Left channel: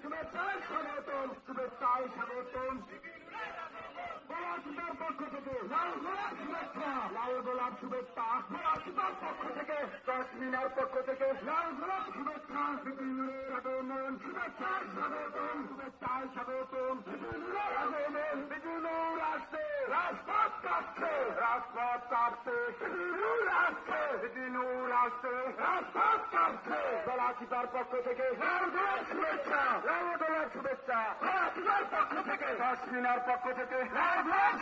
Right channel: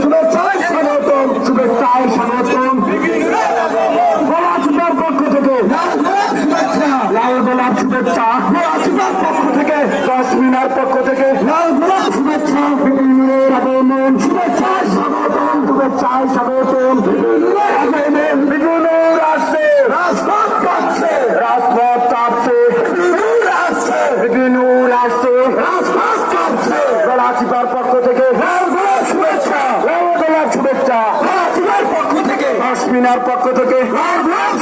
শুভেচ্ছায় স্বাগতম, শুভেচ্ছায় স্বাগতম। পলাশিপার পক্ষ থেকে লাল গোলাপ শুভেচ্ছা, পলাশিপার পক্ষ থেকে জসমিনার পক্ষ থেকে লাল গোলাপ শুভেচ্ছা, বিপিনুরের আগমন শুভেচ্ছায় স্বাগতম, শুভেচ্ছায় স্বাগতম। বিপিনুর আসছে, রাজপথ কাঁপছে, রাজপথ কাঁপছে, বিপিনুর আসছে, বিপিনুর আসছে, রাজপথ কাঁপছে। পলাশিপার পক্ষ থেকে লাল গোলাপ শুভেচ্ছা, লাল গোলাপ শুভেচ্ছা, পলাশিপার পক্ষ থেকে জসমিনার পক্ষ থেকে লাল গোলাপ